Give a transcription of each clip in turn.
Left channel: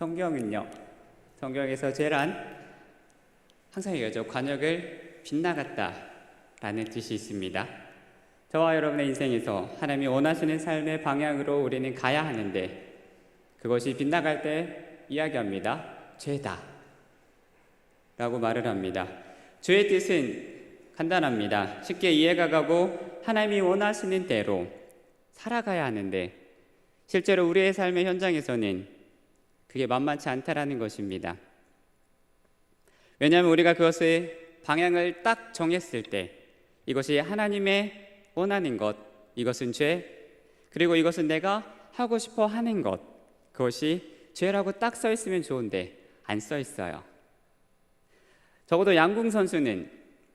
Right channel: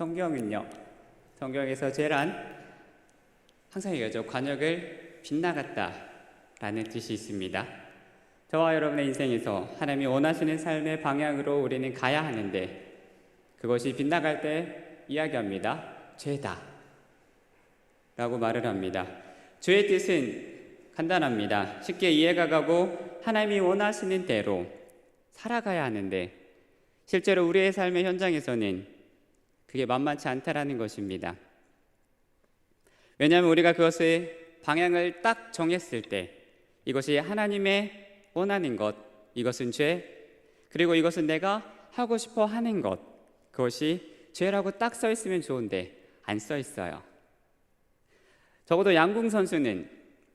성경은요, 성경에서 제란 항상 얘기하죠. 관역을 빗나갔다 라는 뜻이 있습니다. 저와 여러분의 인생에서 하나님이 원하시는 삶의 방향으로 우리는 가야 하는데 그것이 빗나갈 때 이야기합니다. 죄다 라고 말을 합니다. 죄의 뜻은 간단합니다. 쉽게 이해가 가고 하나님이 원하시는 대로 살아가야 하는데 실제로 우리의 삶의 현장에서는 그게 만만치 않다라는 것입니다. 왜냐하면 우리가 그것의 방향을 딱 정했을 때 이것이 하나님의 원하는 것, 이것은 죄, 그리고 이것은 내가 하고 싶어 하는 것, 그것이 죄라고 딱 써 있으면 좋은데 안 써 있어요. 적어도 양궁 선수는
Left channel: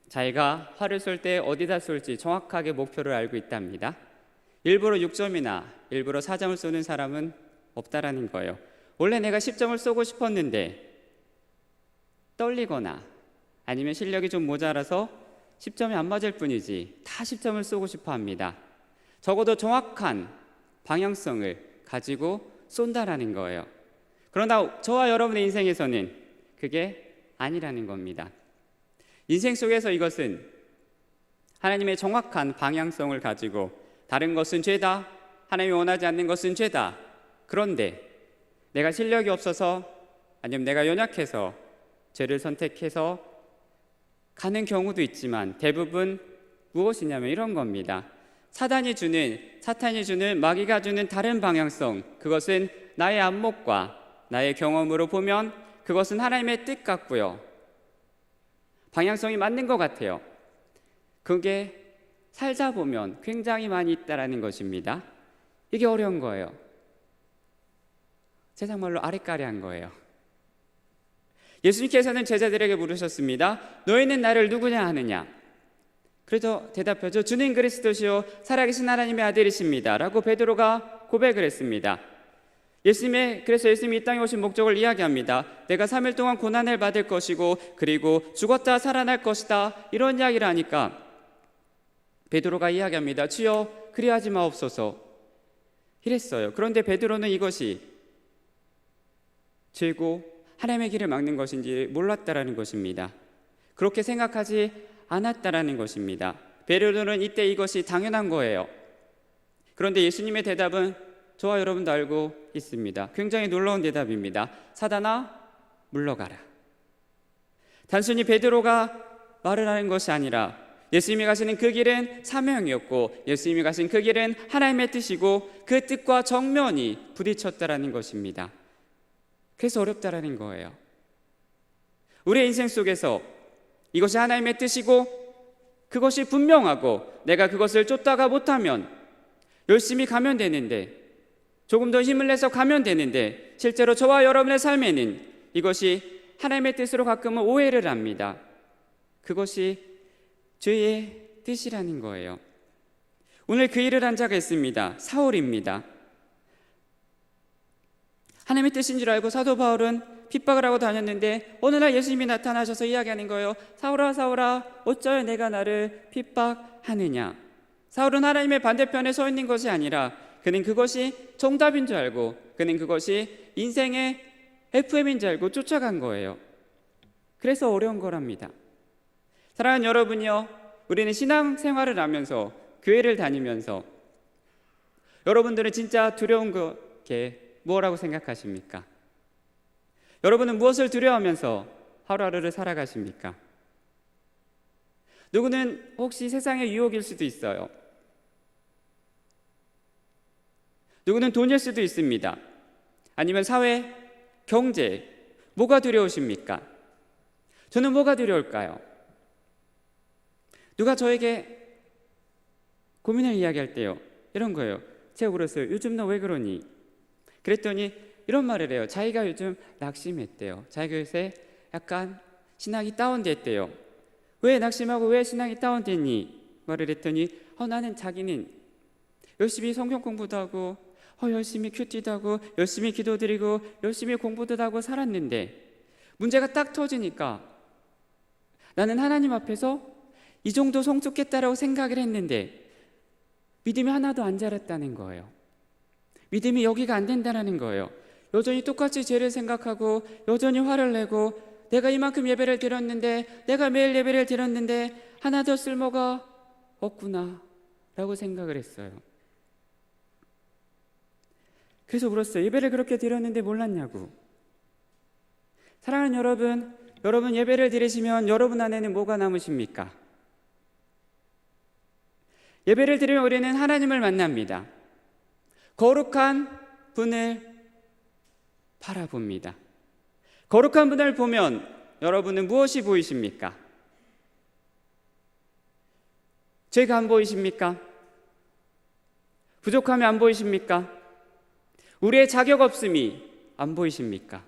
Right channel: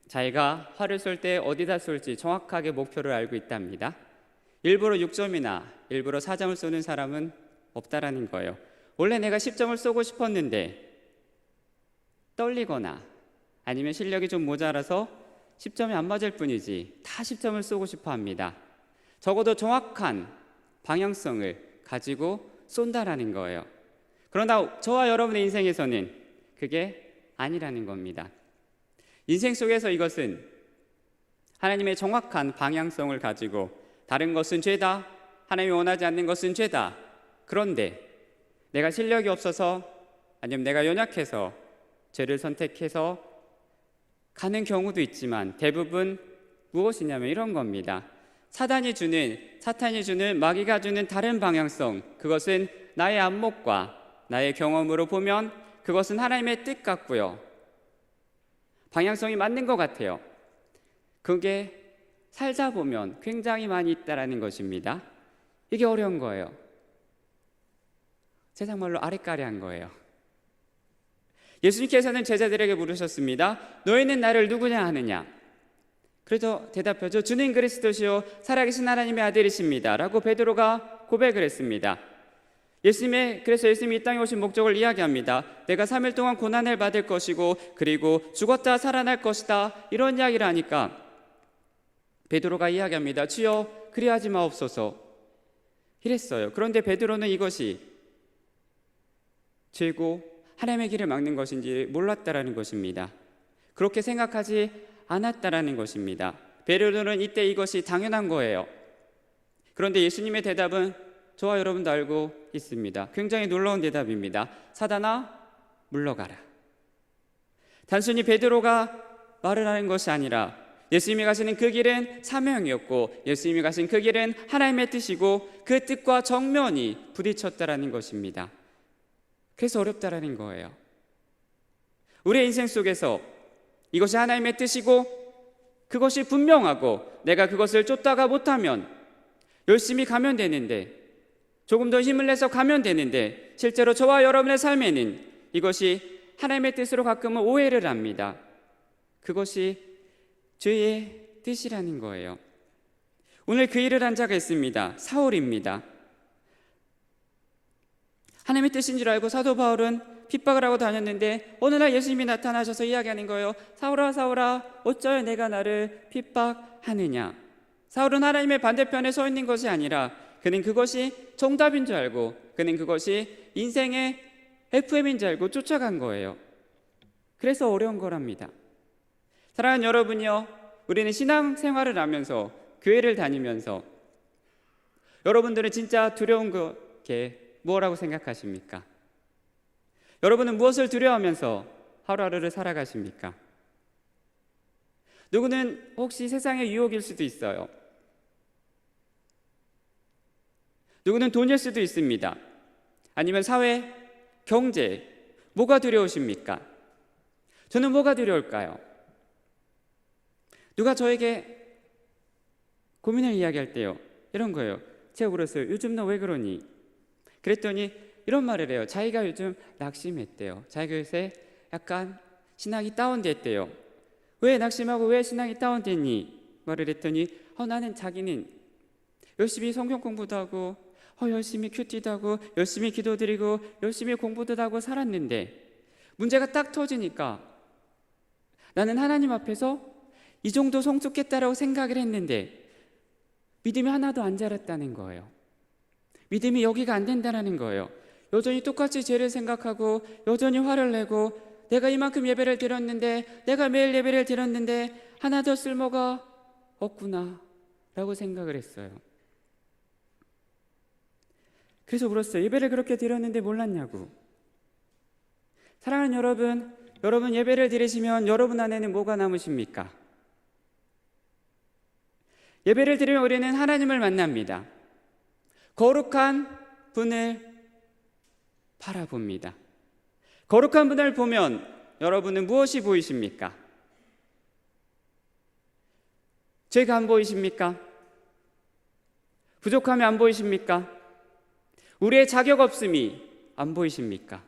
자기가 활을 쏠 때 어디다 쏠지 정확하게 목표를 알고 있답니다. 일부러 6점이나 일부러 4점을 쏘는 사람은 없다라는 거예요. 원래 내가 10점을 쏘고 싶었는데 떨리거나 아니면 실력이 좀 모자라서 10점이 안 맞을 뿐이지 다 10점을 쏘고 싶어 합니다. 적어도 정확한 방향성을 가지고 쏜다라는 거예요. 그러나 저와 여러분의 인생에서는 그게 아니라는 겁니다. 인생 속에서 이것은 하나님의 정확한 방향성을 가지고 다른 것은 죄다, 하나님이 원하지 않는 것은 죄다. 그런데 내가 실력이 없어서 아니면 내가 연약해서 죄를 선택해서 가는 경우도 있지만 대부분 무엇이냐면 이런 겁니다. 사탄이 주는 마귀가 주는 다른 방향성, 그것은 나의 안목과 나의 경험으로 보면 그것은 하나님의 뜻 같고요. 방향성이 맞는 것 같아요. 그게 살다 보면 굉장히 많이 있다라는 것입니다. 이게 어려운 거예요. 세상말로 아리까리한 거예요. 예수님께서는 제자들에게 물으셨습니다. 너희는 나를 누구냐 하느냐? 그래서 대답하죠. 주는 그리스도시요 살아계신 하나님의 아들이십니다 라고 베드로가 고백을 했습니다. 그래서 예수님이 이 땅에 오신 목적을 이야기합니다. 내가 3일 동안 고난을 받을 것이고 그리고 죽었다 살아날 것이다, 이런 이야기를 하니까 베드로가 이야기합니다. 주여 그리하지 마옵소서 이랬어요. 그런데 베드로는 이것이 죄고 하나님의 길을 막는 것인지 몰랐다라는 것입니다. 그렇게 생각하지 않았다라는 것입니다. 베드로는 이때 이것이 당연한 거예요. 그런데 예수님의 대답은 저와 여러분도 알고 있습니다. 굉장히 놀라운 대답입니다. 사단아 물러가라. 단순히 베드로가 말을 하는 것이 아니라 예수님이 가시는 그 길은 사명이었고 예수님이 가신 그 길은 하나님의 뜻이고 그 뜻과 정면이 부딪혔다라는 것입니다. 그래서 어렵다라는 거예요. 우리의 인생 속에서 이것이 하나님의 뜻이고 그것이 분명하고 내가 그것을 쫓다가 못하면 열심히 가면 되는데 조금 더 힘을 내서 가면 되는데 실제로 저와 여러분의 삶에는 이것이 하나님의 뜻으로 가끔은 오해를 합니다. 그것이 죄의 뜻이라는 거예요. 오늘 그 일을 한 자가 있습니다. 사울입니다. 하나님의 뜻인 줄 알고 사도 바울은 핍박을 하고 다녔는데 어느 날 예수님이 나타나셔서 이야기하는 거예요. 사울아 사울아 어찌하여 내가 나를 핍박하느냐. 사울은 하나님의 반대편에 서 있는 것이 아니라 그는 그것이 정답인 줄 알고 그는 그것이 인생의 FM인 줄 알고 쫓아간 거예요. 그래서 어려운 거랍니다. 사랑하는 여러분이요, 우리는 신앙생활을 하면서 교회를 다니면서 여러분들은 진짜 두려운 게 뭐라고 생각하십니까? 여러분은 무엇을 두려워하면서 하루하루를 살아가십니까? 누구는 혹시 세상의 유혹일 수도 있어요. 누구는 돈일 수도 있습니다. 아니면 사회, 경제, 뭐가 두려우십니까? 저는 뭐가 두려울까요? 누가 저에게 고민을 이야기할 때요, 이런 거예요. 제가 물었어요. 요즘 너 왜 그러니? 그랬더니 이런 말을 해요. 자기가 요즘 낙심했대요. 자기가 요새 약간 신앙이 다운됐대요. 왜 낙심하고 왜 신앙이 다운됐니? 말을 했더니 나는 자기는 열심히 성경 공부도 하고 열심히 큐티도 하고 열심히 기도드리고 열심히 공부도 하고 살았는데 문제가 딱 터지니까 나는 하나님 앞에서 이 정도 성숙했다라고 생각을 했는데 믿음이 하나도 안 자랐다는 거예요. 믿음이 여기가 안 된다는 거예요. 여전히 똑같이 죄를 생각하고 여전히 화를 내고 내가 이만큼 예배를 드렸는데, 내가 매일 예배를 드렸는데 하나 더 쓸모가 없구나 라고 생각을 했어요. 그래서 물었어요. 예배를 그렇게 드렸는데 몰랐냐고. 사랑하는 여러분 예배를 드리시면 여러분 안에는 뭐가 남으십니까? 예배를 드리면 우리는 하나님을 만납니다. 거룩한 분을 바라봅니다. 거룩한 분을 보면 여러분은 무엇이 보이십니까? 죄가 안 보이십니까? 부족함이 안 보이십니까? 우리의 자격 없음이 안 보이십니까?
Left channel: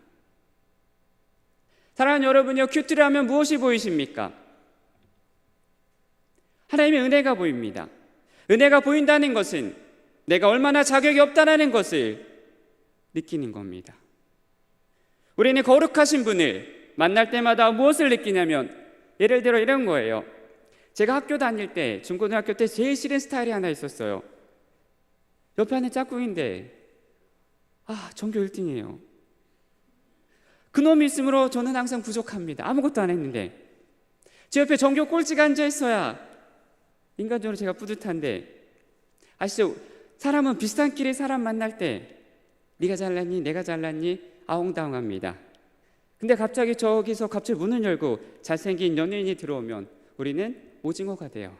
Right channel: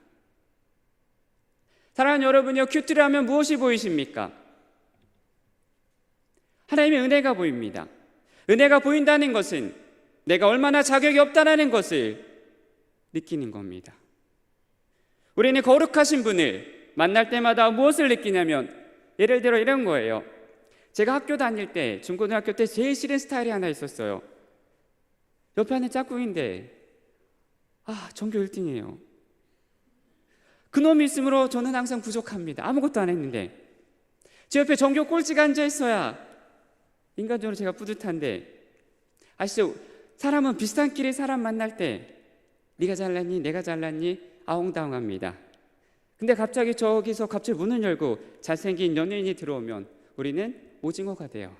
사랑하는 여러분이요, 큐티를 하면 무엇이 보이십니까? 하나님의 은혜가 보입니다. 은혜가 보인다는 것은 내가 얼마나 자격이 없다는 것을 느끼는 겁니다. 우리는 거룩하신 분을 만날 때마다 무엇을 느끼냐면, 예를 들어 이런 거예요. 제가 학교 다닐 때, 중고등학교 때 제일 싫은 스타일이 하나 있었어요. 옆에 하는 짝꿍인데 전교 1등이에요. 그놈이 있으므로 저는 항상 부족합니다. 아무것도 안 했는데 제 옆에 전교 꼴찌가 앉아있어야 인간적으로 제가 뿌듯한데, 아시죠? 사람은 비슷한 길에 사람 만날 때 네가 잘났니? 내가 잘났니? 아웅다웅합니다. 근데 갑자기 저기서 갑자기 문을 열고 잘생긴 연예인이 들어오면 우리는 오징어가 돼요.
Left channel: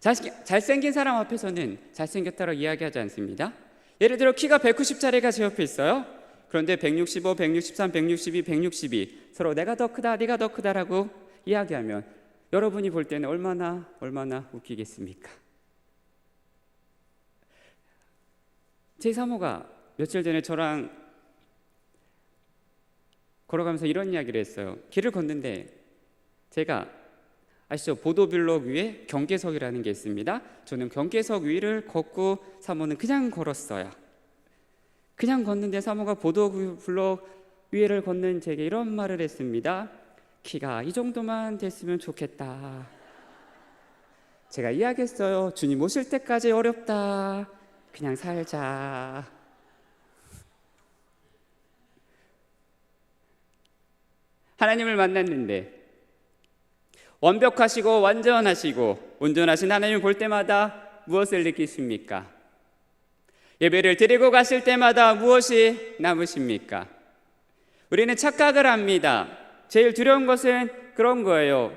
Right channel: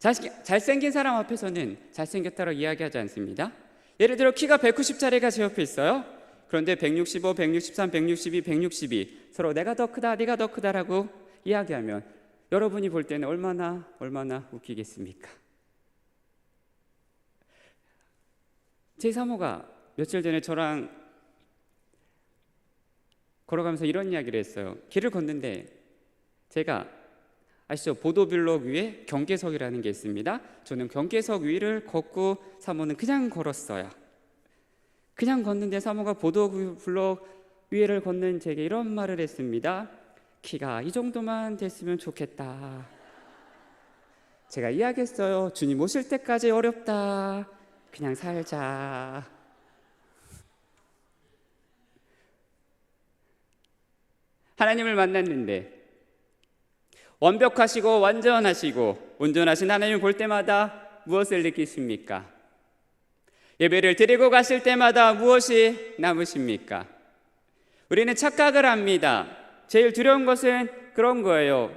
잘생긴 사람 앞에서는 잘생겼다고 이야기하지 않습니다. 예를 들어 키가 190짜리가 제 옆에 있어요. 그런데 165, 163, 162, 162 서로 내가 더 크다, 네가 더 크다라고 이야기하면 여러분이 볼 때는 얼마나 웃기겠습니까? 제 사모가 며칠 전에 저랑 걸어가면서 이런 이야기를 했어요. 길을 걷는데 제가 아시죠? 보도블록 위에 경계석이라는 게 있습니다. 저는 경계석 위를 걷고 사모는 그냥 걸었어요. 그냥 걷는데 사모가 보도블록 위를 걷는 제게 이런 말을 했습니다. 키가 이 정도만 됐으면 좋겠다. 제가 이야기했어요. 주님 오실 때까지 어렵다. 그냥 살자. 하나님을 만났는데 완벽하시고 완전하시고 온전하신 하나님을 볼 때마다 무엇을 느끼십니까? 예배를 드리고 가실 때마다 무엇이 남으십니까? 우리는 착각을 합니다. 제일 두려운 것은 그런 거예요.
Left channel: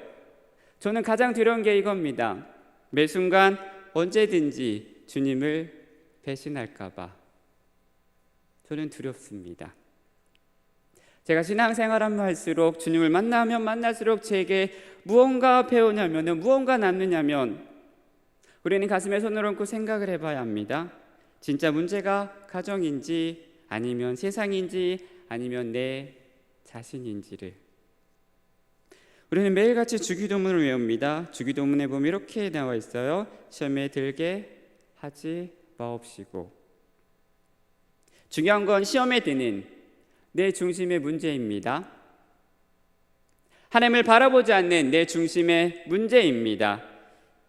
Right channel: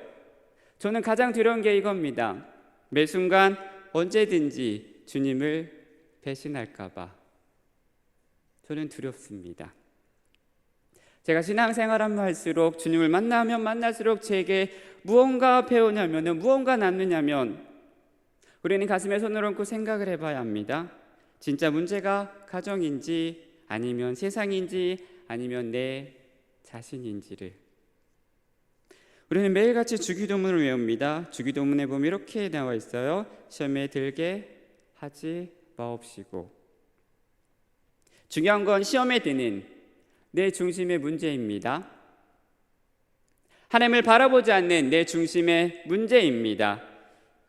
저는 가장 두려운 게 이겁니다. 매 순간 언제든지 주님을 배신할까 봐 저는 두렵습니다. 제가 신앙생활하면 할수록, 주님을 만나면 만날수록 제게 무언가 배우냐면, 무언가 남느냐면 우리는 가슴에 손을 얹고 생각을 해봐야 합니다. 진짜 문제가 가정인지 아니면 세상인지 아니면 내 자신인지를. 우리는 매일같이 주기도문을 외웁니다. 주기도문에 보면 이렇게 나와 있어요. 시험에 들게 하지 마옵시고. 중요한 건 시험에 드는 내 중심의 문제입니다. 하나님을 바라보지 않는 내 중심의 문제입니다.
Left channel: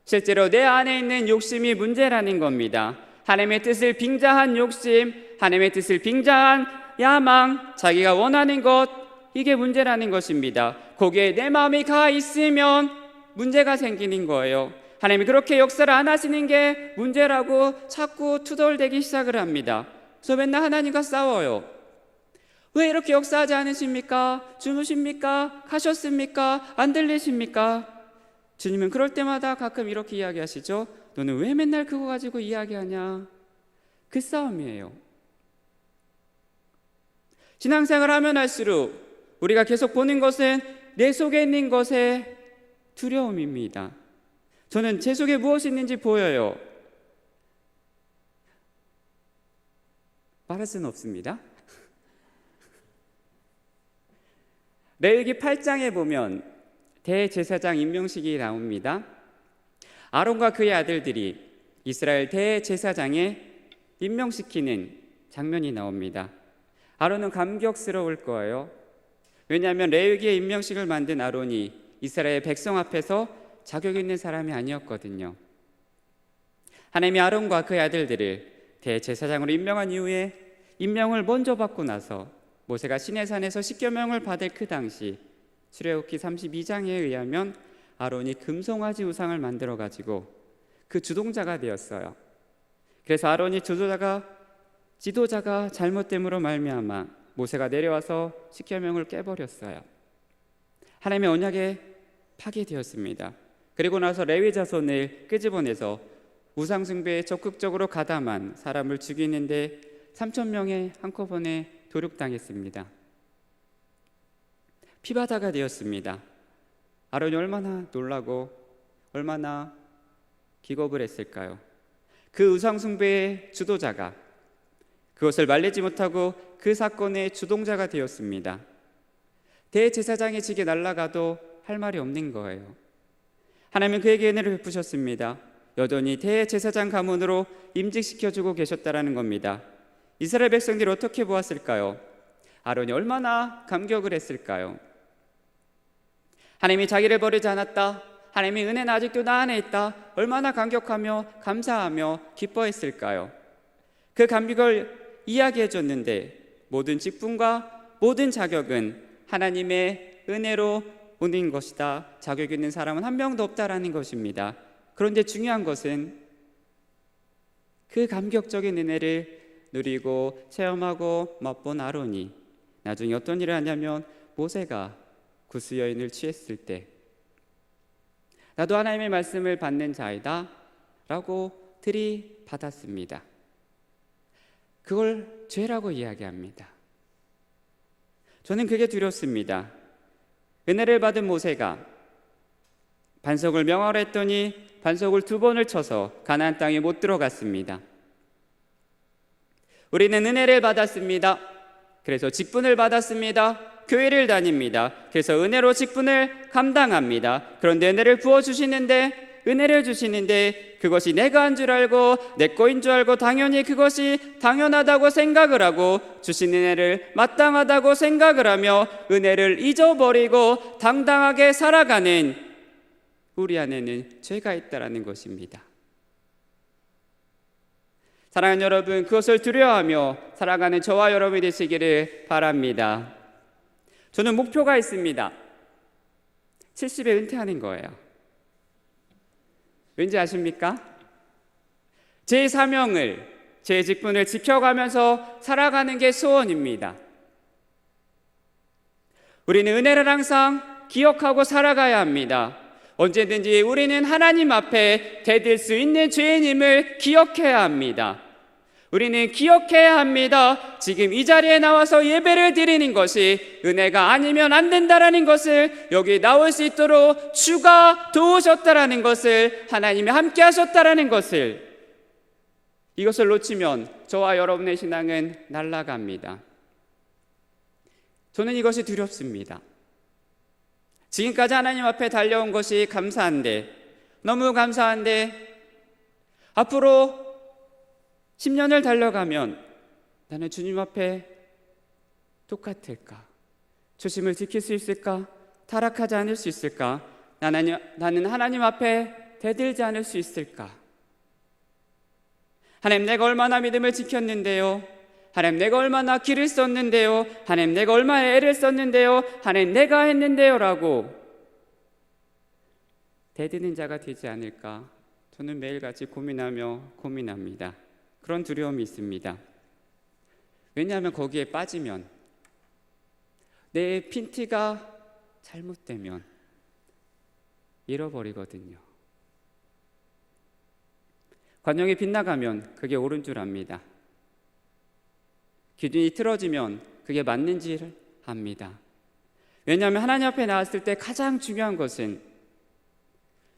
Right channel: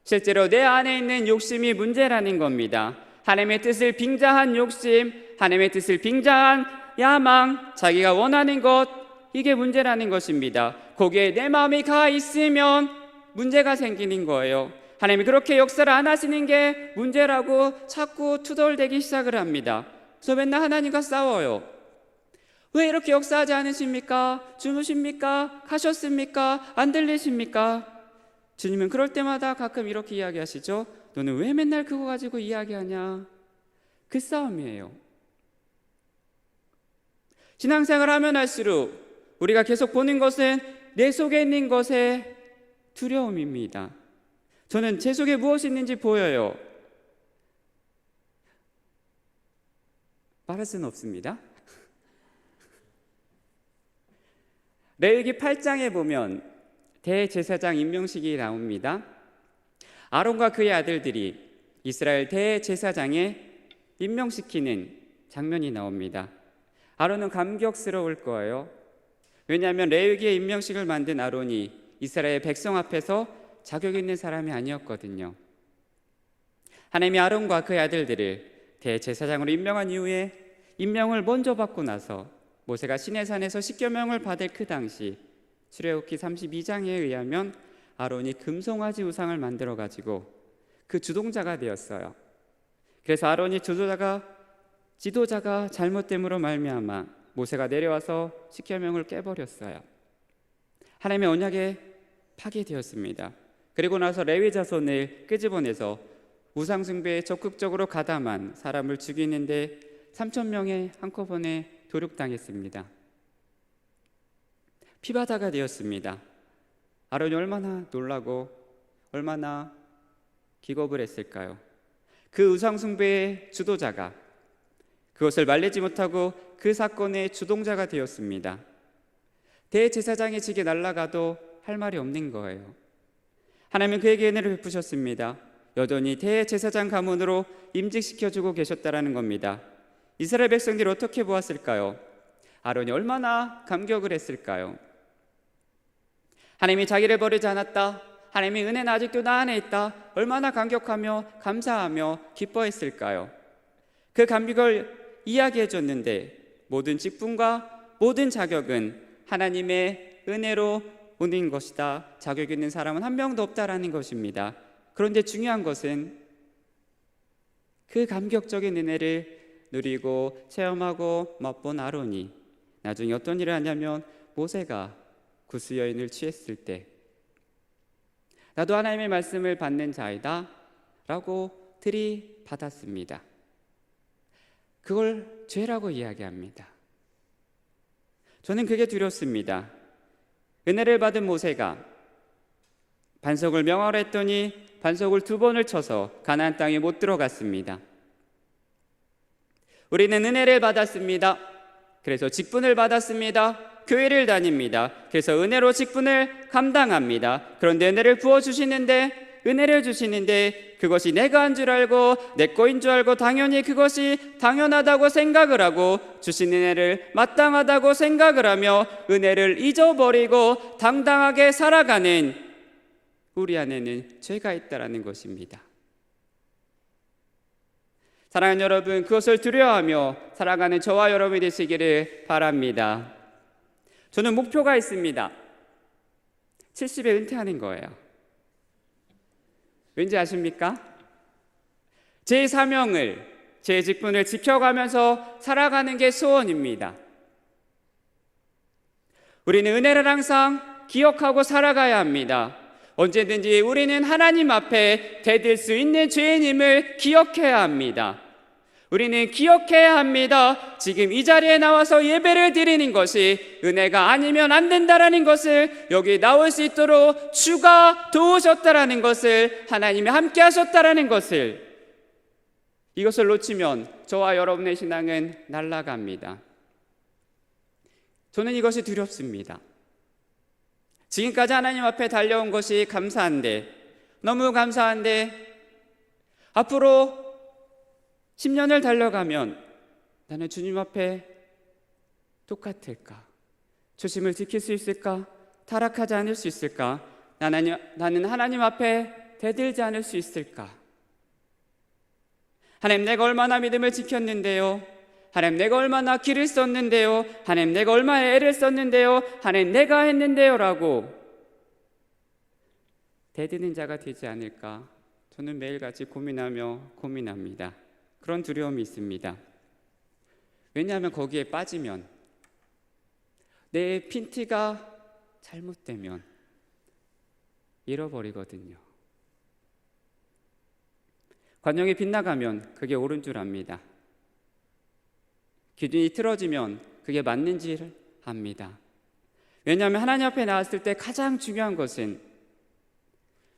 실제로 내 안에 있는 욕심이 문제라는 겁니다. 하나님의 뜻을 빙자한 욕심, 하나님의 뜻을 빙자한 야망, 자기가 원하는 것, 이게 문제라는 것입니다. 거기에 내 마음이 가 있으면 문제가 생기는 거예요. 하나님이 그렇게 역사를 안 하시는 게 문제라고 자꾸 투덜대기 시작을 합니다. 그래서 맨날 하나님과 싸워요. 왜 이렇게 역사하지 않으십니까? 주무십니까? 가셨습니까? 안 들리십니까? 주님은 그럴 때마다 가끔 이렇게 이야기하시죠. 너는 왜 맨날 그거 가지고 이야기하냐? 그 싸움이에요. 신앙생활을 하면 할수록 우리가 계속 보는 것은 내 속에 있는 것의 두려움입니다. 저는 제 속에 무엇이 있는지 보여요. 말할 수는 없습니다. 레위기 8장에 보면 대제사장 임명식이 나옵니다. 아론과 그의 아들들이 이스라엘 대제사장에 임명시키는 장면이 나옵니다. 아론은 감격스러울 거예요. 왜냐하면 레위기의 임명식을 만든 아론이 이스라엘 백성 앞에서 자격 있는 사람이 아니었거든요. 하나님이 아론과 그의 아들들을 대제사장으로 임명한 이후에 임명을 먼저 받고 나서 모세가 시내산에서 십계명을 받을 그 당시 출애굽기 32장에 의하면 아론이 금송아지 우상을 만들어 가지고 그 주동자가 되었어요. 그래서 아론이 지도자가 잘못됨으로 말미암아 모세가 내려와서 십계명을 깨버렸어요. 하나님의 언약에 파괴되었습니다. 그리고 나서 레위 자손을 끄집어내서 우상 숭배에 적극적으로 가담한 사람을 죽이는데 3,000명이 한꺼번에 도륙당했습니다. 피바다가 되었습니다. 아론이 얼마나 놀라고 얼마나 기겁을 했을까요? 그 우상 숭배의 주도자가 그것을 말리지 못하고 그 사건의 주동자가 되었습니다. 대제사장이 지게 날아가도 할 말이 없는 거예요. 하나님은 그에게 은혜를 베푸셨습니다. 여전히 대제사장 가문으로 임직시켜주고 계셨다라는 겁니다. 이스라엘 백성들이 어떻게 보았을까요? 아론이 얼마나 감격을 했을까요? 하나님이 자기를 버리지 않았다. 하나님의 은혜는 아직도 나 안에 있다. 얼마나 감격하며 감사하며 기뻐했을까요? 그 감격을 이야기해 줬는데 모든 직분과 모든 자격은 하나님의 은혜로 오는 것이다. 자격 있는 사람은 한 명도 없다라는 것입니다. 그런데 중요한 것은 그 감격적인 은혜를 누리고 체험하고 맛본 아론이 나중에 어떤 일을 하냐면 모세가 구스 여인을 취했을 때 나도 하나님의 말씀을 받는 자이다 라고 들이받았습니다. 그걸 죄라고 이야기합니다. 저는 그게 두렵습니다. 은혜를 받은 모세가 반석을 명하라 했더니 반석을 2번을 쳐서 가나안 땅에 못 들어갔습니다. 우리는 은혜를 받았습니다. 그래서 직분을 받았습니다. 교회를 다닙니다. 그래서 은혜로 직분을 감당합니다. 그런데 은혜를 은혜를 주시는데 그것이 내가 한 줄 알고 내 거인 줄 알고 당연히 그것이 당연하다고 생각을 하고 주신 은혜를 마땅하다고 생각을 하며 은혜를 잊어버리고 당당하게 살아가는 우리 안에는 죄가 있다라는 것입니다. 사랑하는 여러분, 그것을 두려워하며 살아가는 저와 여러분이 되시기를 바랍니다. 저는 목표가 있습니다. 70에 은퇴하는 거예요. 왠지 아십니까? 제 사명을, 제 직분을 지켜가면서 살아가는 게 소원입니다. 우리는 은혜를 항상 기억하고 살아가야 합니다. 언제든지 우리는 하나님 앞에 대들 수 있는 죄인임을 기억해야 합니다. 우리는 기억해야 합니다. 지금 이 자리에 나와서 예배를 드리는 것이 은혜가 아니면 안 된다라는 것을, 여기 나올 수 있도록 주가 도우셨다라는 것을, 하나님이 함께 하셨다라는 것을, 이것을 놓치면 저와 여러분의 신앙은 날아갑니다. 저는 이것이 두렵습니다. 지금까지 하나님 앞에 달려온 것이 감사한데, 너무 감사한데 앞으로 10년을 달려가면 나는 주님 앞에 똑같을까? 초심을 지킬 수 있을까? 타락하지 않을 수 있을까? 나는 하나님 앞에 대들지 않을 수 있을까? 하나님, 내가 얼마나 믿음을 지켰는데요? 하나님, 내가 얼마나 길을 썼는데요? 하나님, 내가 얼마나 애를 썼는데요? 하나님, 내가 했는데요? 라고 대드는 자가 되지 않을까? 저는 매일같이 고민합니다. 그런 두려움이 있습니다. 왜냐하면 거기에 빠지면, 내 핀트가 잘못되면 잃어버리거든요. 관용이 빗나가면 그게 옳은 줄 압니다. 기둥이 틀어지면 그게 맞는지를 압니다. 왜냐하면 하나님 앞에 나왔을 때 가장 중요한 것은,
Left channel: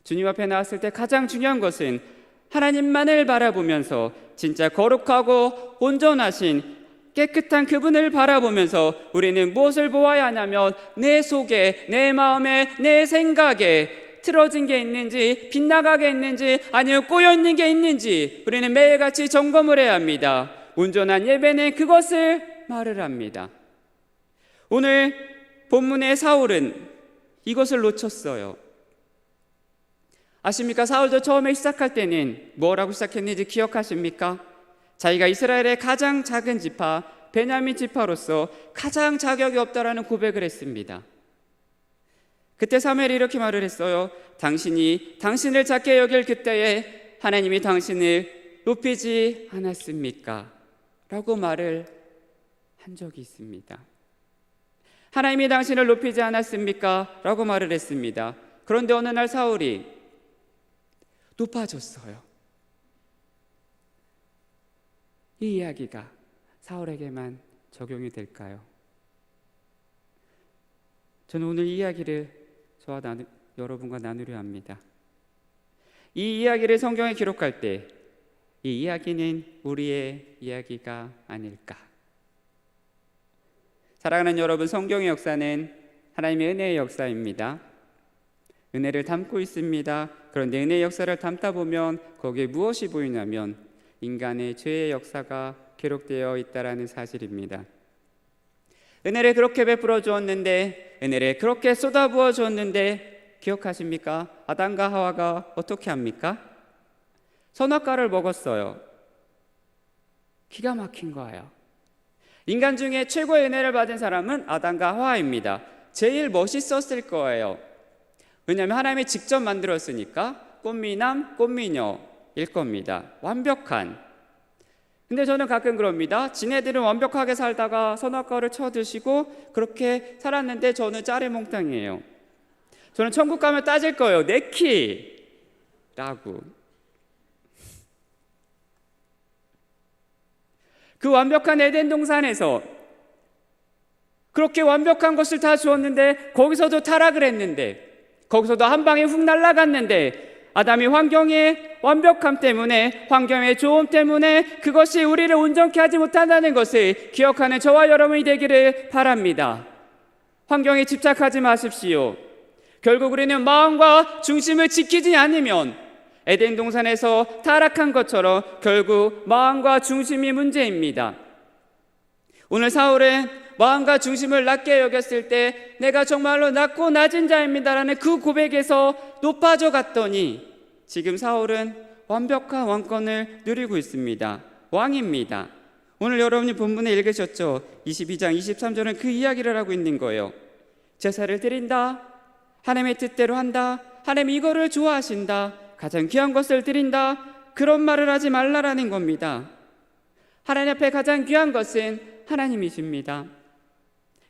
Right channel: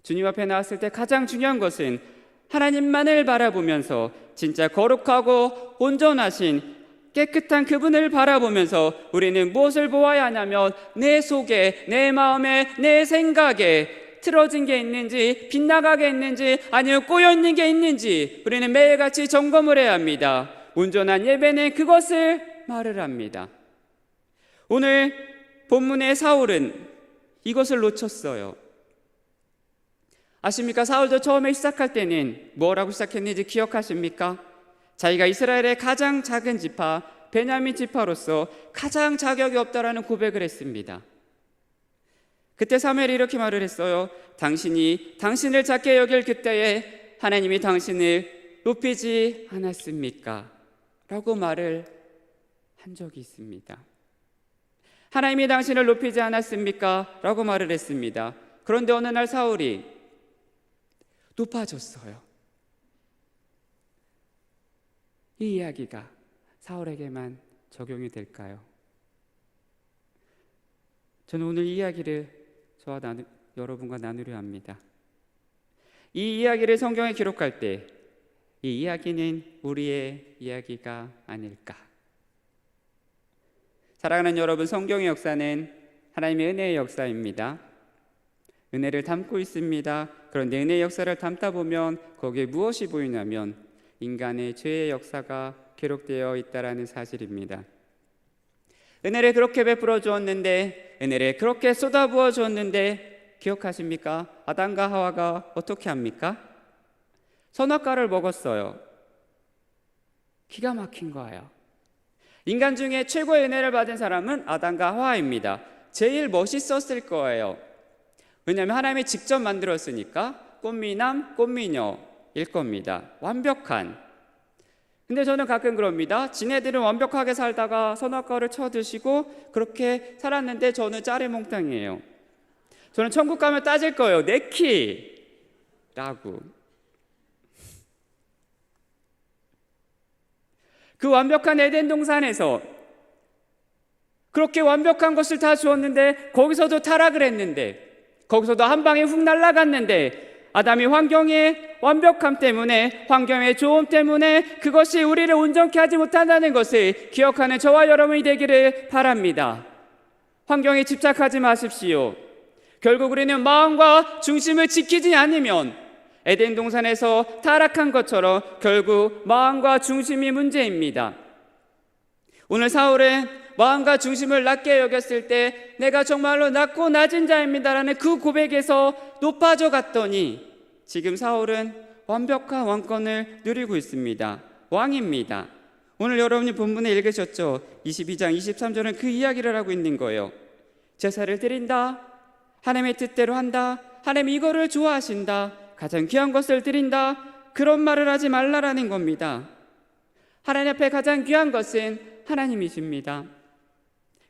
주님 앞에 나왔을 때 가장 중요한 것은 하나님만을 바라보면서 진짜 거룩하고 온전하신 깨끗한 그분을 바라보면서 우리는 무엇을 보아야 하냐면, 내 속에, 내 마음에, 내 생각에 틀어진 게 있는지, 빗나가게 있는지, 아니면 꼬여있는 게 있는지 우리는 매일같이 점검을 해야 합니다. 온전한 예배는 그것을 말을 합니다. 오늘 본문의 사울은 이것을 놓쳤어요. 아십니까? 사울도 처음에 시작할 때는 뭐라고 시작했는지 기억하십니까? 자기가 이스라엘의 가장 작은 지파 베냐민 지파로서 가장 자격이 없다라는 고백을 했습니다. 그때 사무엘이 이렇게 말을 했어요. 당신이 당신을 작게 여길 그때에 하나님이 당신을 높이지 않았습니까? 라고 말을 한 적이 있습니다. 하나님이 당신을 높이지 않았습니까? 라고 말을 했습니다. 그런데 어느 날 사울이 높아졌어요. 이 이야기가 사울에게만 적용이 될까요? 저는 오늘 이 이야기를 저와 여러분과 나누려 합니다. 이 이야기를 성경에 기록할 때 이 이야기는 우리의 이야기가 아닐까? 사랑하는 여러분, 성경의 역사는 하나님의 은혜의 역사입니다. 은혜를 담고 있습니다. 그런데 은혜의 역사를 담다 보면 거기에 무엇이 보이냐면 인간의 죄의 역사가 기록되어 있다는 사실입니다. 은혜를 그렇게 베풀어 주었는데, 은혜를 그렇게 쏟아부어 주었는데 기억하십니까? 아담과 하와가 어떻게 합니까? 선악과를 먹었어요. 기가 막힌 거예요. 인간 중에 최고의 은혜를 받은 사람은 아담과 하와입니다. 제일 멋있었을 거예요. 왜냐하면 하나님이 직접 만들었으니까 꽃미남, 꽃미녀일 겁니다. 완벽한. 근데 저는 가끔 그럽니다. 지네들은 완벽하게 살다가 선악과를 쳐드시고 그렇게 살았는데 저는 짜리몽땅이에요. 저는 천국 가면 따질 거예요. 내 키라고. 그 완벽한 에덴 동산에서 그렇게 완벽한 것을 다 주었는데 거기서도 타락을 했는데, 거기서도 한 방에 훅 날아갔는데, 아담이 환경의 완벽함 때문에, 환경의 좋음 때문에 그것이 우리를 온전케 하지 못한다는 것을 기억하는 저와 여러분이 되기를 바랍니다. 환경에 집착하지 마십시오. 결국 우리는 마음과 중심을 지키지 않으면 에덴 동산에서 타락한 것처럼 결국 마음과 중심이 문제입니다. 오늘 사울은 마음과 중심을 낮게 여겼을 때 내가 정말로 낮고 낮은 자입니다라는 그 고백에서 높아져 갔더니 지금 사울은 완벽한 왕권을 누리고 있습니다. 왕입니다. 오늘 여러분이 본문에 읽으셨죠? 22장 23절은 그 이야기를 하고 있는 거예요. 제사를 드린다. 하나님의 뜻대로 한다. 하나님이 이거를 좋아하신다. 가장 귀한 것을 드린다. 그런 말을 하지 말라라는 겁니다. 하나님 앞에 가장 귀한 것은 하나님이십니다.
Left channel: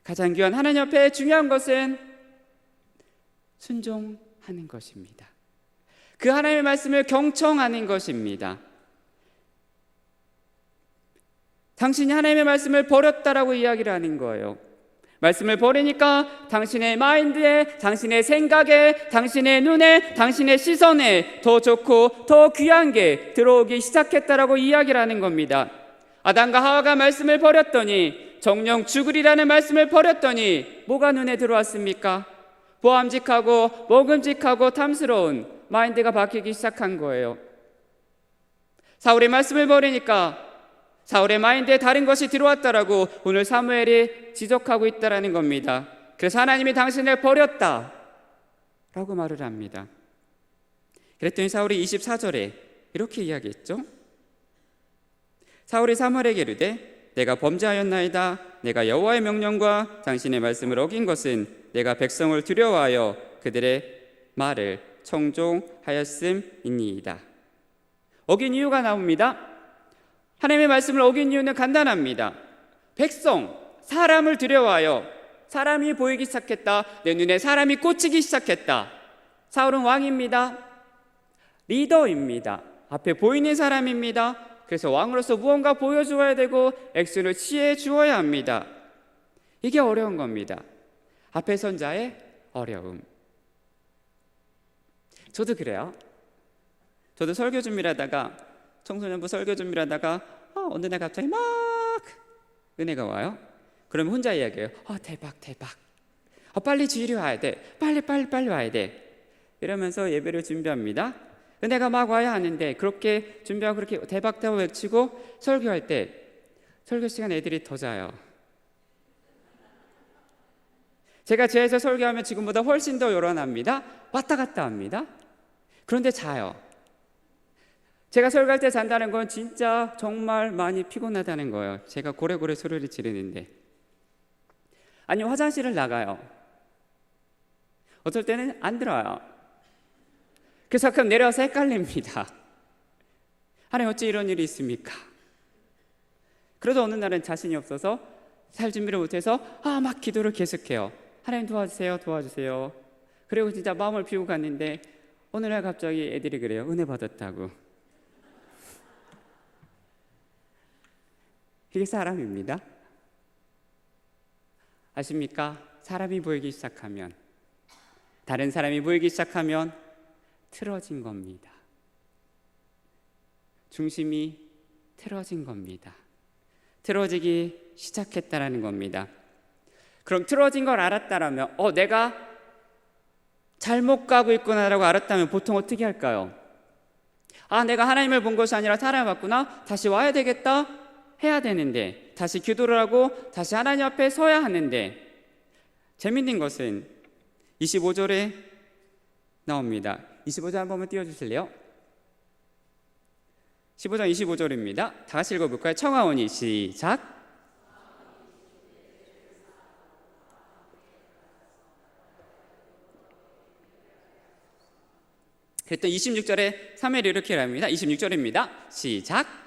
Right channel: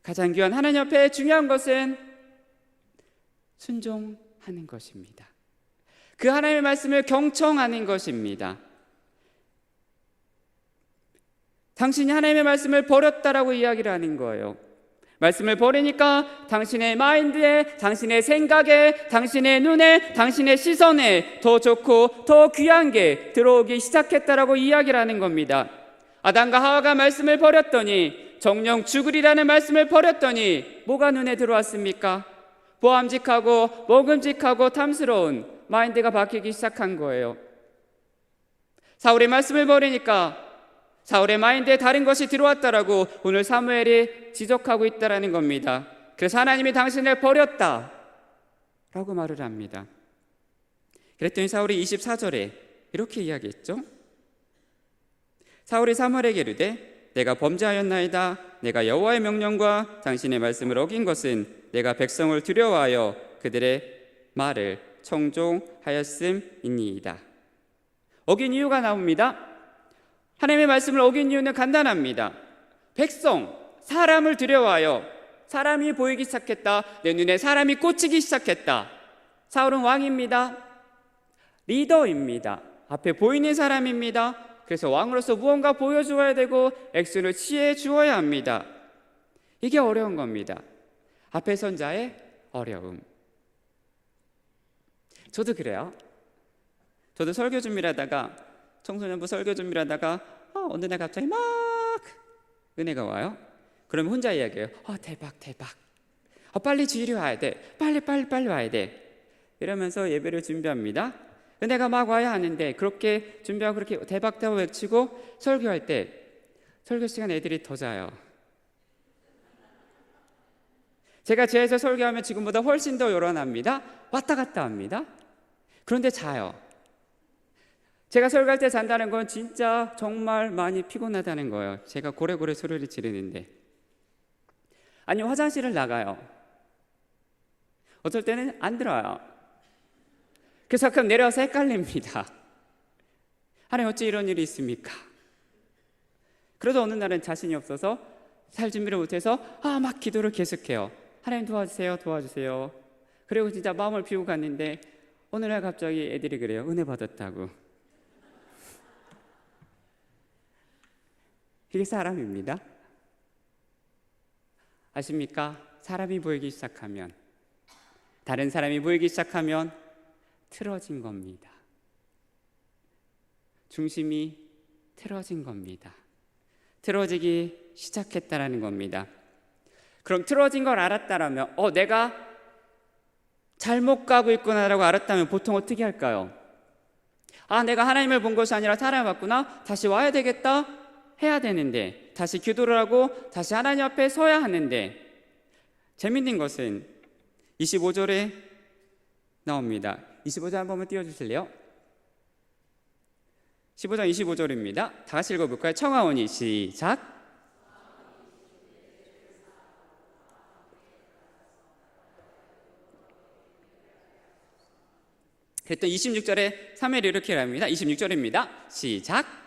가장 귀한 하나님 앞에 중요한 것은 순종하는 것입니다. 그 하나님의 말씀을 경청하는 것입니다. 당신이 하나님의 말씀을 버렸다라고 이야기를 하는 거예요. 말씀을 버리니까 당신의 마인드에, 당신의 생각에, 당신의 눈에, 당신의 시선에 더 좋고 더 귀한 게 들어오기 시작했다라고 이야기를 하는 겁니다. 아담과 하와가 말씀을 버렸더니, 정령 죽으리라는 말씀을 버렸더니 뭐가 눈에 들어왔습니까? 보암직하고 먹음직하고 탐스러운 마인드가 바뀌기 시작한 거예요. 사울이 말씀을 버리니까 사울의 마인드에 다른 것이 들어왔다라고 오늘 사무엘이 지적하고 있다라는 겁니다. 그래서 하나님이 당신을 버렸다 라고 말을 합니다. 그랬더니 사울이 24절에 이렇게 이야기했죠. 사울이 사무엘에게 이르되 내가 범죄하였나이다. 내가 여호와의 명령과 당신의 말씀을 어긴 것은 내가 백성을 두려워하여 그들의 말을 청종하였음이니이다. 어긴 이유가 나옵니다. 하나님의 말씀을 어긴 이유는 간단합니다. 백성, 사람을 두려워하여 사람이 보이기 시작했다. 내 눈에 사람이 꽂히기 시작했다. 사울은 왕입니다. 리더입니다. 앞에 보이는 사람입니다. 그래서 왕으로서 무언가 보여주어야 되고 액션을 취해 주어야 합니다. 이게 어려운 겁니다. 앞에 선 자의 어려움. 저도 그래요. 저도 설교 준비를 하다가, 청소년부 설교 준비를 하다가 어느 날 갑자기 막 은혜가 와요. 그러면 혼자 이야기해요. 대박 빨리 주일이 와야 돼. 빨리 와야 돼. 이러면서 예배를 준비합니다. 은혜가 막 와야 하는데 그렇게 준비하고 그렇게 대박 외치고 설교할 때 설교 시간 애들이 더 자요. 제가 제에서 설교하면 지금보다 훨씬 더 요란합니다. 왔다 갔다 합니다. 그런데 자요. 제가 설교할 때 잔다는 건 진짜 정말 많이 피곤하다는 거예요. 제가 고래고래 소리를 지르는데. 아니, 화장실을 나가요. 어떨 때는 안 들어와요. 그래서 가끔 내려와서 헷갈립니다. 하나님, 어째 이런 일이 있습니까? 그러다 어느 날은 자신이 없어서 살 준비를 못해서 막 기도를 계속해요. 하나님 도와주세요, 도와주세요. 그리고 진짜 마음을 비우고 갔는데 어느 날 갑자기 애들이 그래요. 은혜 받았다고. 이게 사람입니다. 아십니까? 사람이 보이기 시작하면, 다른 사람이 보이기 시작하면 틀어진 겁니다. 중심이 틀어진 겁니다. 틀어지기 시작했다라는 겁니다. 그럼 틀어진 걸 알았다라면, 내가 잘못 가고 있구나라고 알았다면 보통 어떻게 할까요? 내가 하나님을 본 것이 아니라 사람을 봤구나. 다시 와야 되겠다. 해야 되는데, 다시 기도를 하고 다시 하나님 앞에 서야 하는데, 재밌는 것은 25절에 나옵니다. 25절 한 번만 띄워주실래요? 15장 25절입니다. 다 같이 읽어볼까요? 청하오니 시작. 그랬더니 26절에 사무엘이 이렇게 합니다. 26절입니다. 시작.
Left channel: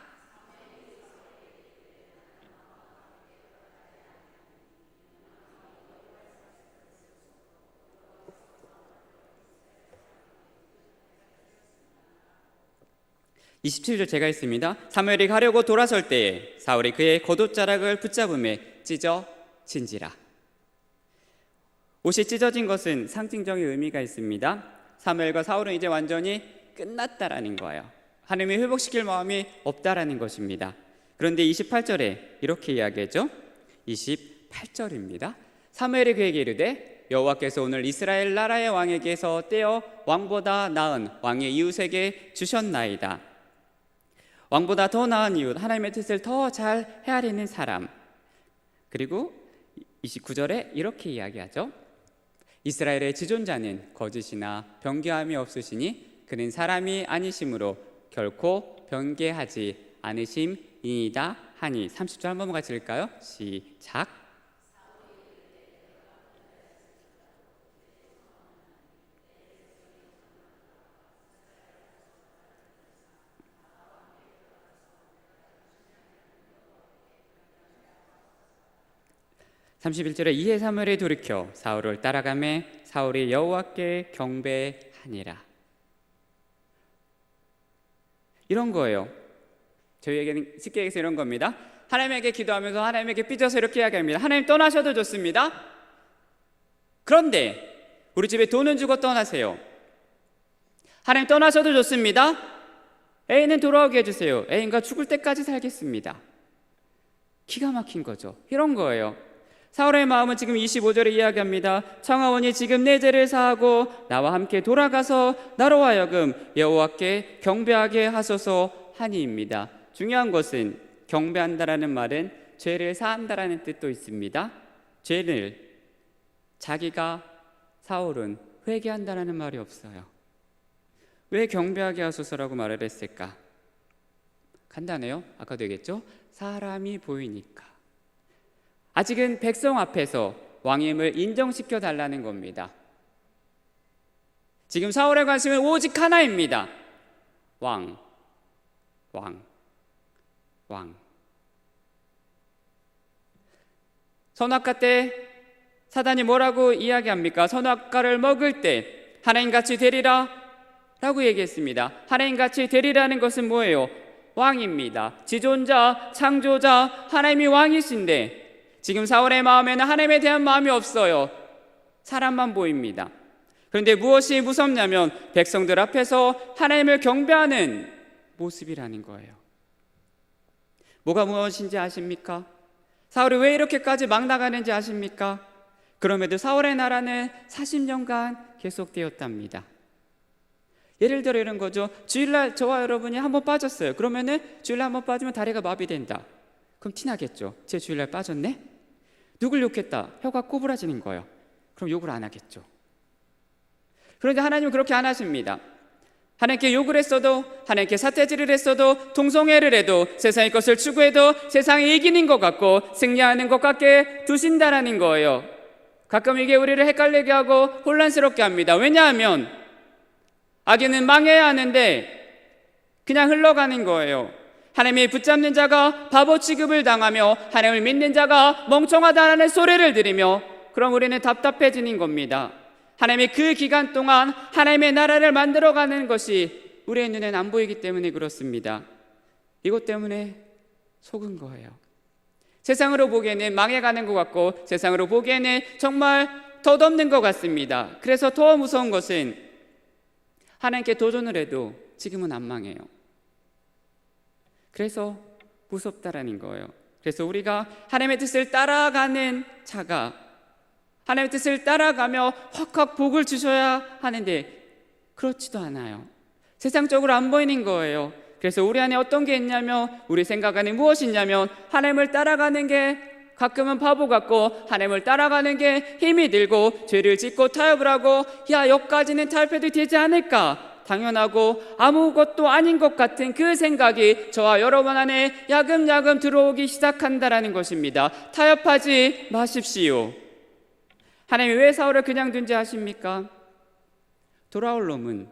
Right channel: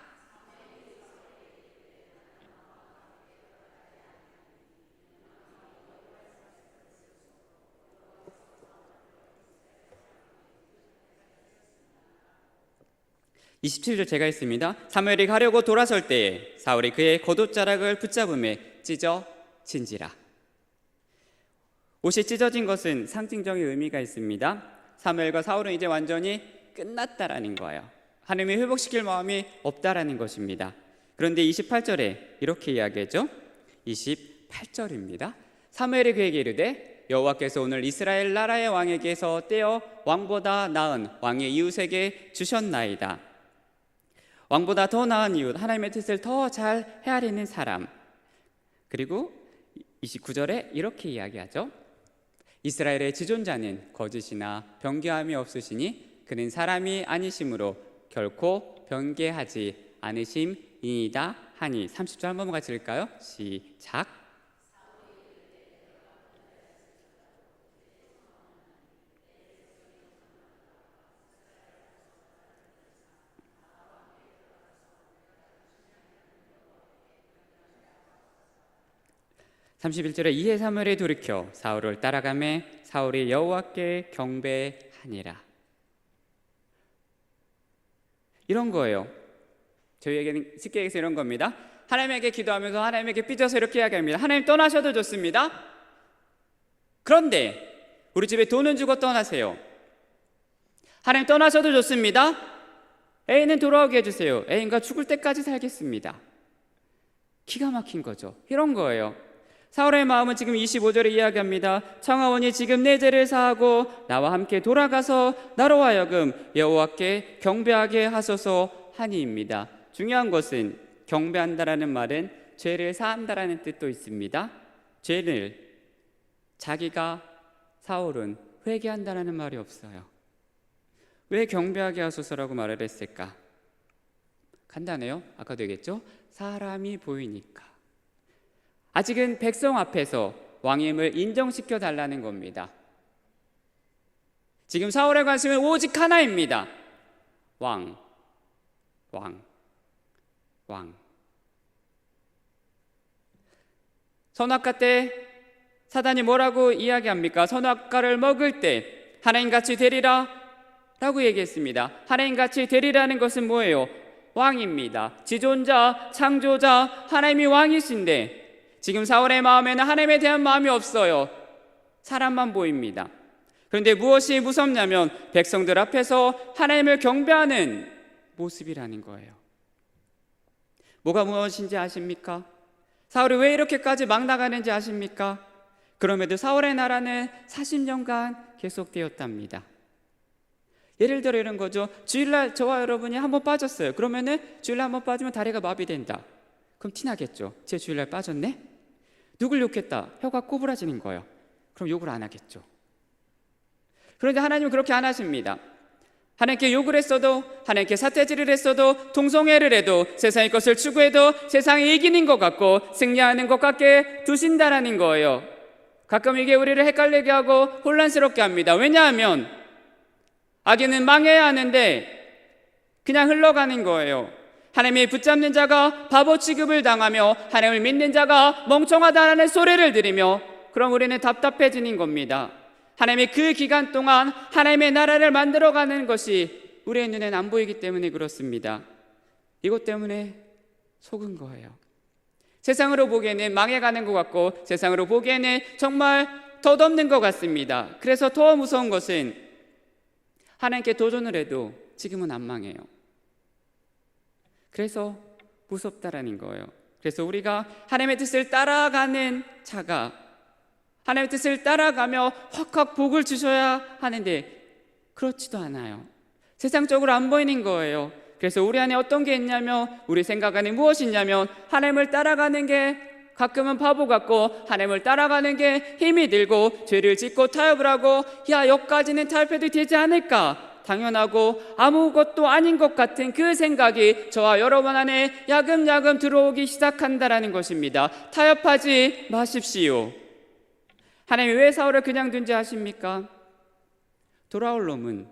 (27절) 제가 있습니다. 사무엘이 가려고 돌아설 때에 사울이 그의 겉옷자락을 붙잡음에 찢어진지라. 옷이 찢어진 것은 상징적인 의미가 있습니다. 사무엘과 사울은 이제 완전히 끝났다라는 거예요. 하나님이 회복시킬 마음이 없다라는 것입니다. 그런데 28절에 이렇게 이야기하죠. 28절입니다. 사무엘이 그에게 이르되 여호와께서 오늘 이스라엘 나라의 왕에게서 떼어 왕보다 나은 왕의 이웃에게 주셨나이다. 왕보다 더 나은 이웃, 하나님의 뜻을 더 잘 헤아리는 사람. 그리고 29절에 이렇게 이야기하죠. 이스라엘의 지존자는 거짓이나 변개함이 없으시니 그는 사람이 아니심으로 결코 변개하지 않으심이다 하니. 30절 한 번만 같이 읽을까요? 시작. (31절에) 이에 사무엘이 돌이켜 사울을 따라가매 사울이 여호와께 경배하니라. 이런 거예요. 저희에게는 쉽게 얘기해서 이런 겁니다. 하나님에게 기도하면서 하나님에게 삐져서 이렇게 이야기합니다. 하나님, 떠나셔도 좋습니다. 그런데 우리 집에 돈은 주고 떠나세요. 하나님, 떠나셔도 좋습니다. 애인은 돌아오게 해주세요. 애인과 죽을 때까지 살겠습니다. 기가 막힌 거죠. 이런 거예요. 사울의 마음은 지금 25절에 이야기합니다. 청하오니 지금 내 죄를 사하고 나와 함께 돌아가서 나로 하여금 여호와께 경배하게 하소서 하니입니다. 중요한 것은 경배한다라는 말은 죄를 사한다라는 뜻도 있습니다. 죄를 자기가, 사울은 회개한다라는 말이 없어요. 왜 경배하게 하소서라고 말을 했을까? 간단해요. 아까도 얘기했죠. 사람이 보이니까. 아직은 백성 앞에서 왕임을 인정시켜 달라는 겁니다. 지금 사울의 관심은 오직 하나입니다. 왕. 선악과 때 사단이 뭐라고 이야기합니까? 선악과를 먹을 때 하나님같이 되리라 라고 얘기했습니다. 하나님같이 되리라는 것은 뭐예요? 왕입니다. 지존자, 창조자, 하나님이 왕이신데 지금 사울의 마음에는 하나님에 대한 마음이 없어요. 사람만 보입니다. 그런데 무엇이 무섭냐면 백성들 앞에서 하나님을 경배하는 모습이라는 거예요. 뭐가 무엇인지 아십니까? 사울이 왜 이렇게까지 막 나가는지 아십니까? 그럼에도 사울의 나라는 40년간 계속되었답니다. 예를 들어 이런 거죠. 주일날 저와 여러분이 한번 빠졌어요. 그러면은 주일날 한번 빠지면 다리가 마비된다. 그럼 티나겠죠. 제 주일날 빠졌네? 누굴 욕했다. 혀가 꼬부라지는 거예요. 그럼 욕을 안 하겠죠. 그런데 하나님은 그렇게 안 하십니다. 하나님께 욕을 했어도, 하나님께 사태질을 했어도, 동성애를 해도, 세상의 것을 추구해도 세상이 이기는 것 같고 승리하는 것 같게 두신다라는 거예요. 가끔 이게 우리를 헷갈리게 하고 혼란스럽게 합니다. 왜냐하면 악인은 망해야 하는데 그냥 흘러가는 거예요. 하나님이 붙잡는 자가 바보 취급을 당하며 하나님을 믿는 자가 멍청하다라는 소리를 들으며, 그럼 우리는 답답해지는 겁니다. 하나님이 그 기간 동안 하나님의 나라를 만들어가는 것이 우리의 눈엔 안 보이기 때문에 그렇습니다. 이것 때문에 속은 거예요. 세상으로 보기에는 망해가는 것 같고 세상으로 보기에는 정말 덧없는 것 같습니다. 그래서 더 무서운 것은 하나님께 도전을 해도 지금은 안 망해요. 그래서 무섭다라는 거예요. 그래서 우리가 하나님의 뜻을 따라가는 자가 하나님의 뜻을 따라가며 확확 복을 주셔야 하는데 그렇지도 않아요. 세상적으로 안 보이는 거예요. 그래서 우리 안에 어떤 게 있냐면, 우리 생각 안에 무엇이 있냐면, 하나님을 따라가는 게 가끔은 바보 같고 하나님을 따라가는 게 힘이 들고 죄를 짓고 타협을 하고 여기까지는 타협해도 되지 않을까, 당연하고 아무것도 아닌 것 같은 그 생각이 저와 여러분 안에 야금야금 들어오기 시작한다라는 것입니다. 타협하지 마십시오. 하나님 왜 사울을 그냥 존재하십니까? 돌아올 놈은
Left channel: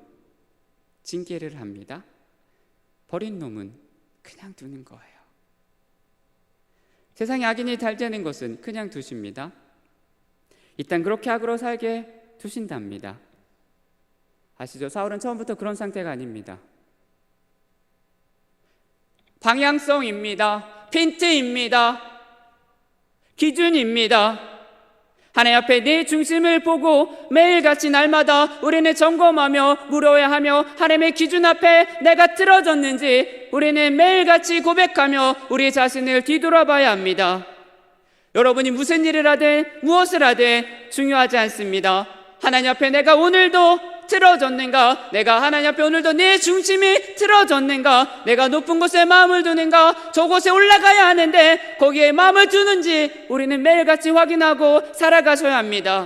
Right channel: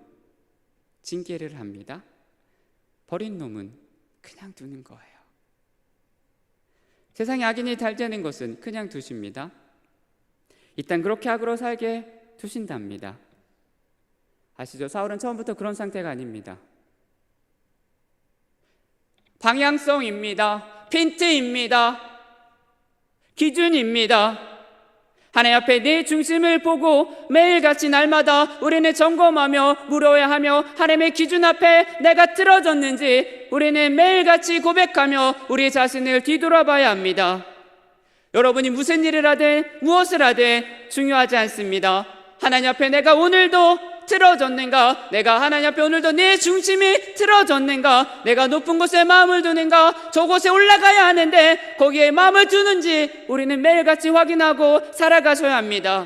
징계를 합니다. 버린 놈은 그냥 두는 거예요. 세상에 악인이 잘 되는 것은 그냥 두십니다. 일단 그렇게 악으로 살게 두신답니다. 아시죠? 사울은 처음부터 그런 상태가 아닙니다. 방향성입니다. 핀트입니다. 기준입니다. 하나님 앞에 내 중심을 보고 매일같이 날마다 우리는 점검하며 물어야 하며, 하나님의 기준 앞에 내가 틀어졌는지 우리는 매일같이 고백하며 우리 자신을 뒤돌아봐야 합니다. 여러분이 무슨 일을 하든 무엇을 하든 중요하지 않습니다. 하나님 앞에 내가 오늘도 틀어졌는가, 내가 하나님 앞에 오늘도 내 중심이 틀어졌는가, 내가 높은 곳에 마음을 두는가, 저곳에 올라가야 하는데 거기에 마음을 두는지 우리는 매일같이 확인하고 살아가셔야 합니다.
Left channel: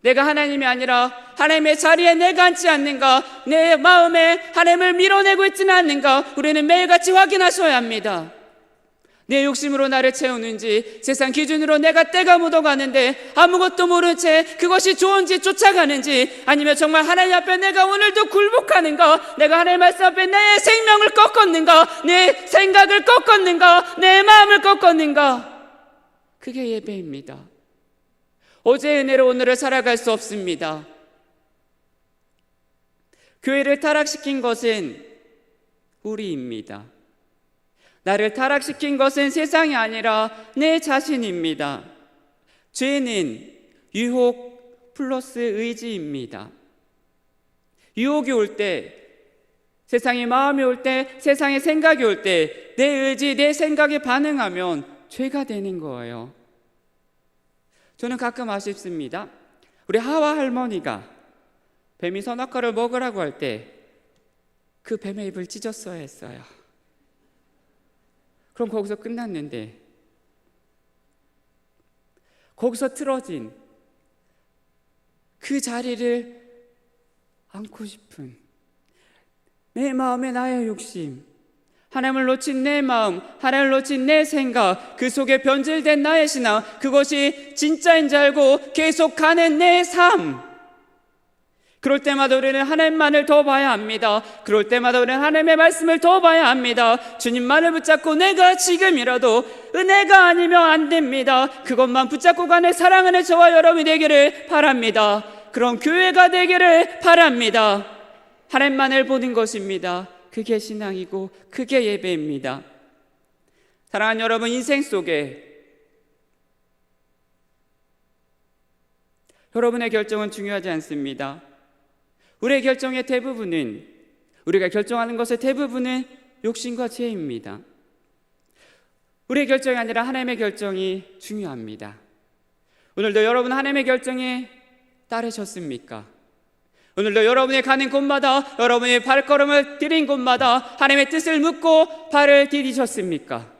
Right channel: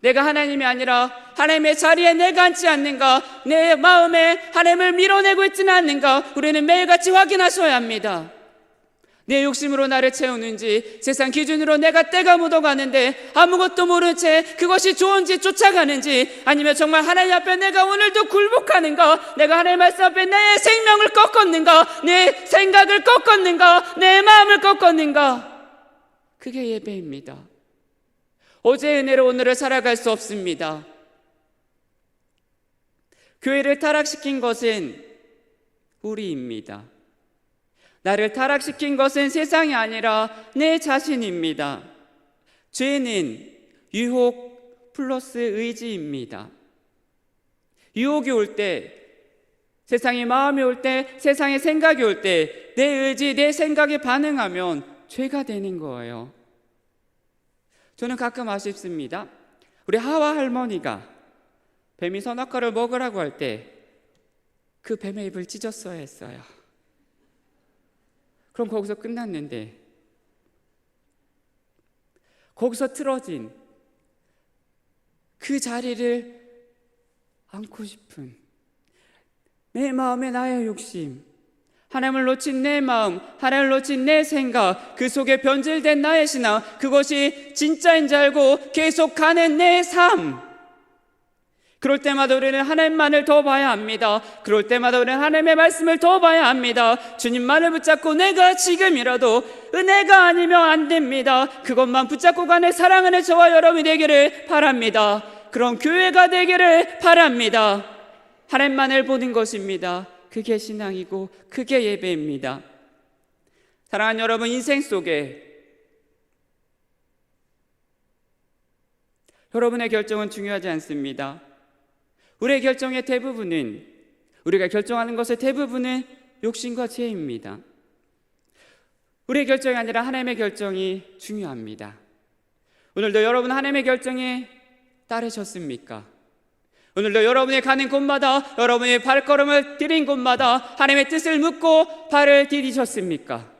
내가 하나님이 아니라 하나님의 자리에 내가 앉지 않는가, 내 마음에 하나님을 밀어내고 있지는 않는가, 우리는 매일같이 확인하셔야 합니다. 내 욕심으로 나를 채우는지, 세상 기준으로 내가 때가 묻어가는데 아무것도 모른 채 그것이 좋은지 쫓아가는지, 아니면 정말 하나님 앞에 내가 오늘도 굴복하는가, 내가 하나님 말씀 앞에 내 생명을 꺾었는가, 내 생각을 꺾었는가, 내 마음을 꺾었는가, 그게 예배입니다. 어제의 은혜로 오늘을 살아갈 수 없습니다. 교회를 타락시킨 것은 우리입니다. 나를 타락시킨 것은 세상이 아니라 내 자신입니다. 죄는 유혹 플러스 의지입니다. 유혹이 올 때, 세상의 마음이 올 때, 세상의 생각이 올 때 내 의지, 내 생각에 반응하면 죄가 되는 거예요. 저는 가끔 아쉽습니다. 우리 하와 할머니가 뱀이 선악과를 먹으라고 할 때 그 뱀의 입을 찢었어야 했어요. 그럼 거기서 끝났는데, 거기서 틀어진 그 자리를 안고 싶은 내 마음의 나의 욕심, 하나님을 놓친 내 마음, 하나님을 놓친 내 생각, 그 속에 변질된 나의 신앙, 그것이 진짜인 줄 알고 계속 가는 내 삶, 그럴 때마다 우리는 하나님만을 더 봐야 합니다. 그럴 때마다 우리는 하나님의 말씀을 더 봐야 합니다. 주님만을 붙잡고 내가 지금이라도 은혜가 아니면 안 됩니다. 그것만 붙잡고 가는 사랑하는 저와 여러분이 되기를 바랍니다. 그런 교회가 되기를 바랍니다. 하나님만을 보는 것입니다. 그게 신앙이고 그게 예배입니다. 사랑하는 여러분, 인생 속에 여러분의 결정은 중요하지 않습니다. 우리의 결정의 대부분은, 우리가 결정하는 것의 대부분은 욕심과 죄입니다. 우리의 결정이 아니라 하나님의 결정이 중요합니다. 오늘도 여러분 하나님의 결정에 따르셨습니까? 오늘도 여러분이 가는 곳마다, 여러분이 발걸음을 들인 곳마다 하나님의 뜻을 묻고 발을 디디셨습니까?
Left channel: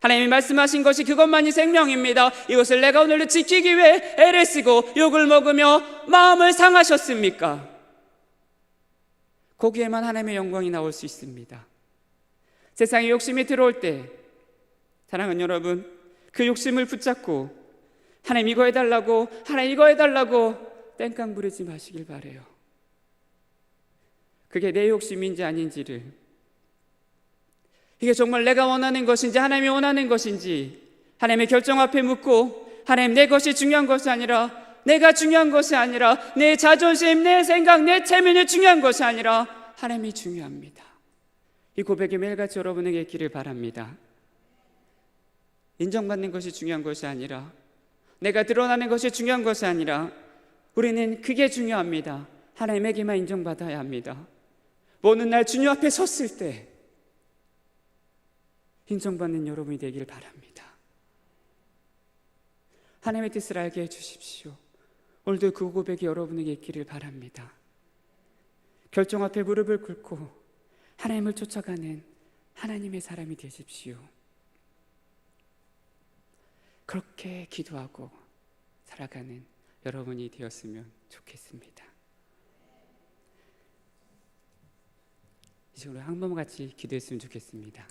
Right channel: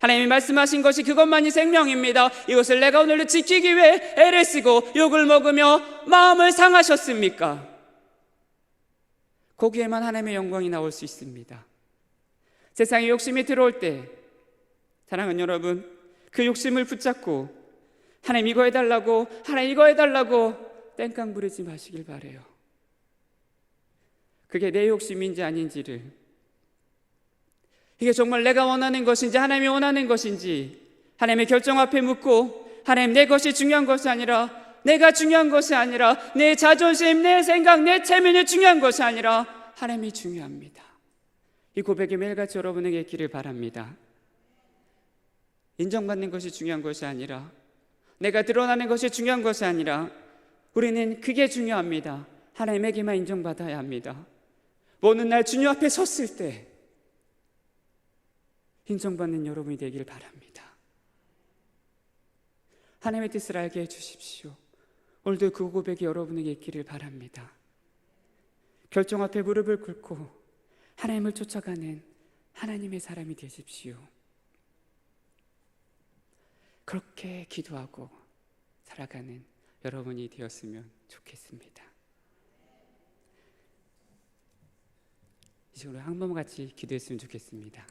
하나님이 말씀하신 것이 그것만이 생명입니다. 이것을 내가 오늘도 지키기 위해 애를 쓰고 욕을 먹으며 마음을 상하셨습니까? 거기에만 하나님의 영광이 나올 수 있습니다. 세상에 욕심이 들어올 때 사랑하는 여러분, 그 욕심을 붙잡고 하나님 이거 해달라고, 하나님 이거 해달라고 땡깡 부르지 마시길 바래요. 그게 내 욕심인지 아닌지를, 이게 정말 내가 원하는 것인지 하나님이 원하는 것인지 하나님의 결정 앞에 묻고, 하나님 내 것이 중요한 것이 아니라, 내가 중요한 것이 아니라, 내 자존심, 내 생각, 내 체면이 중요한 것이 아니라 하나님이 중요합니다. 이 고백이 매일같이 여러분에게 있기를 바랍니다. 인정받는 것이 중요한 것이 아니라, 내가 드러나는 것이 중요한 것이 아니라, 우리는 그게 중요합니다. 하나님에게만 인정받아야 합니다. 어느 날 주님 앞에 섰을 때 인정받는 여러분이 되길 바랍니다. 하나님의 뜻을 알게 해주십시오. 오늘도 그 고백이 여러분에게 있기를 바랍니다. 결정 앞에 무릎을 꿇고 하나님을 쫓아가는 하나님의 사람이 되십시오. 그렇게 기도하고 살아가는 여러분이 되었으면 좋겠습니다. 이제 오늘 한 번 같이 기도했으면 좋겠습니다.